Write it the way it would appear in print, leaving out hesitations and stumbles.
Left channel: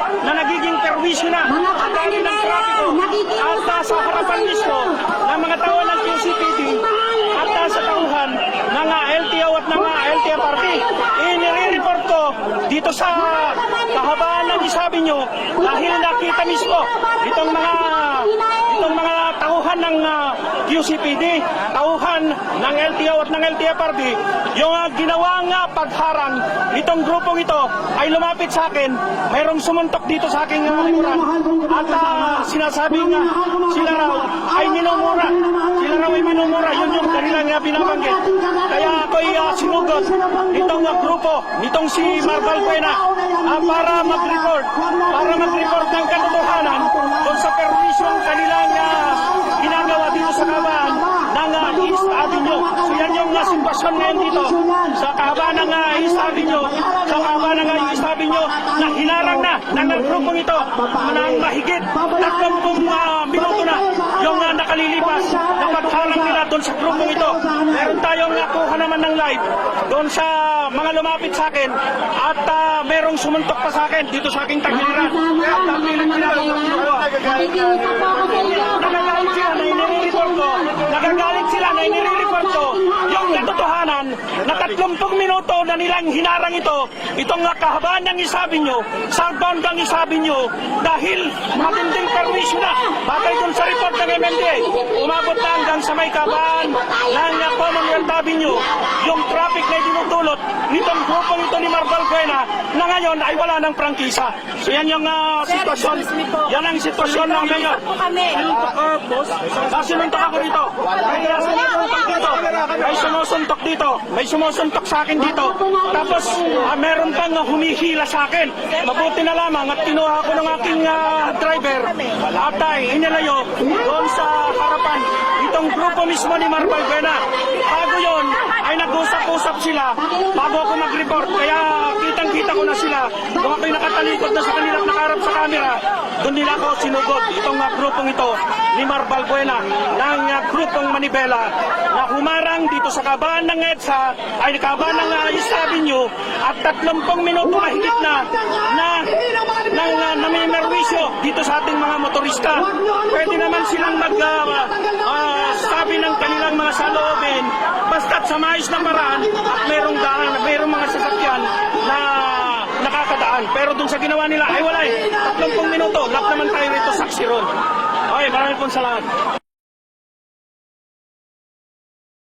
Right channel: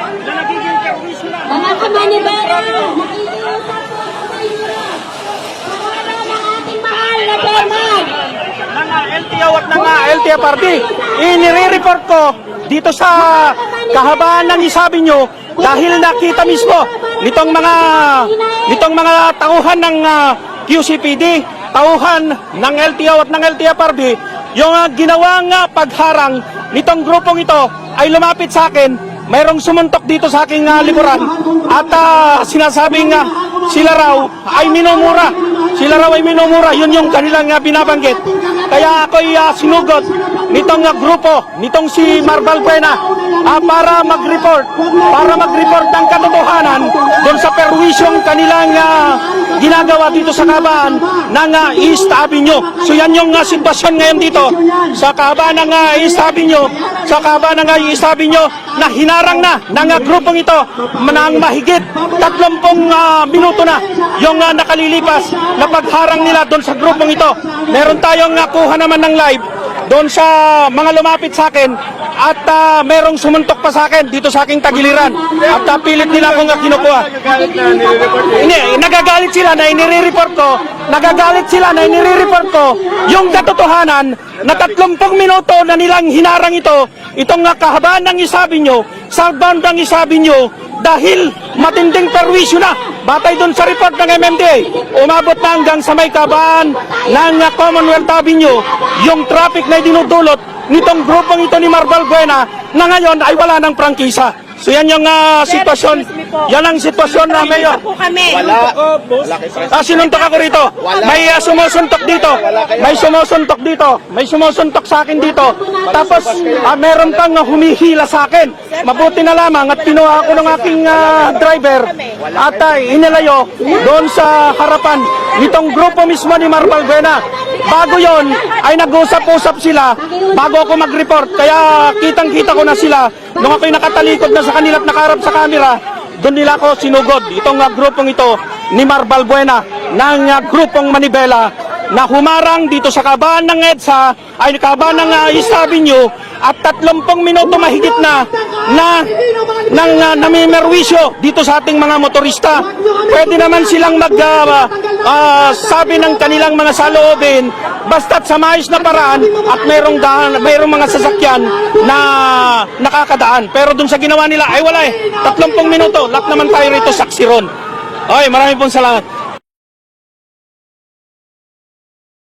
na nagiging perwisyo na. Mga kamanibera, nakikiusap po ako sa inyo. Ating mahal na Berman. Ng LTO at ng LTFRB. Inire-report ko dito sa kahabaan ng isabi nyo dahil nakita mismo nitong mga tauhan ng QCPD, tauhan ng LTO at ng LTFRB, yung ginawang pagharang nitong grupong ito ay lumapit sa akin. Mayroong sumuntok dito sa aking likuran at sinasabing sila raw ay minumura. Sila raw ay minumura. Yun yung kanilang binabanggit. Kaya ako'y sinugod nitong grupo, nitong si Marbal Buena para mag-report ng katotohanan doon sa perwisyong kanilang ginagawa dito sa kahabaan ng East Avenue. So yan yung sitwasyon ngayon dito sa kahabaan ng East Avenue, na hinarang na ng grupong ito ng mahigit 30 minuto na yung nakalilipas na pagharang nila doon sa grupong ito. Meron tayong kuha naman ng live doon sa mga lumapit sa akin at merong sumuntok pa sa akin dito sa aking tagiliran at pilit nila akong kinukuha. Nagagalit sila na inire-report ko yung katotohanan na 30 minuto na nilang hinarang itong kahabaan ng isabi nyo, southbound ng isabi nyo, dahil matinding perwisyo na. Batay doon sa report ng MMDA, umabot na hanggang sa may kahabaan ng Commonwealth Avenue yung traffic na dinudulot nitong grupong ito ni Marbal Buena na ngayon ay wala ng prangkisa. So yan yung sitwasyon. Yan ang sitwasyon na ngayon. Sinuntok ako rito. May sumusuntok dito. May sumusuntok sa akin dito. Tapos meron pang humihila sa akin. Mabuti na lamang at kinuha ako ng aking driver at inilayo doon sa harapan nitong grupo mismo ni Marbal Buena. Bago yon ay nag-usap-usap sila bago ako mag-report. Kaya kitang-kita ko na sila nung ako'y nakatalikod na sa kanila at nakaharap sa camera. Doon nila ako sinugod itong grupong ito ni Marbal Buena ng grupong Manibela na humarang dito sa kahabaan ng EDSA ay kahabaan ng East Avenue at 30 minuto mahigit na namimerwisyo dito sa ating mga motorista. Pwede naman silang sabi ng kanilang mga saloobin basta't sa maayos na paraan at mayroong mga sasakyan na nakakadaan. Pero dun sa ginawa nila ay wala 30 minuto. Lahat naman tayo rito saksi ron. Maraming pong salamat.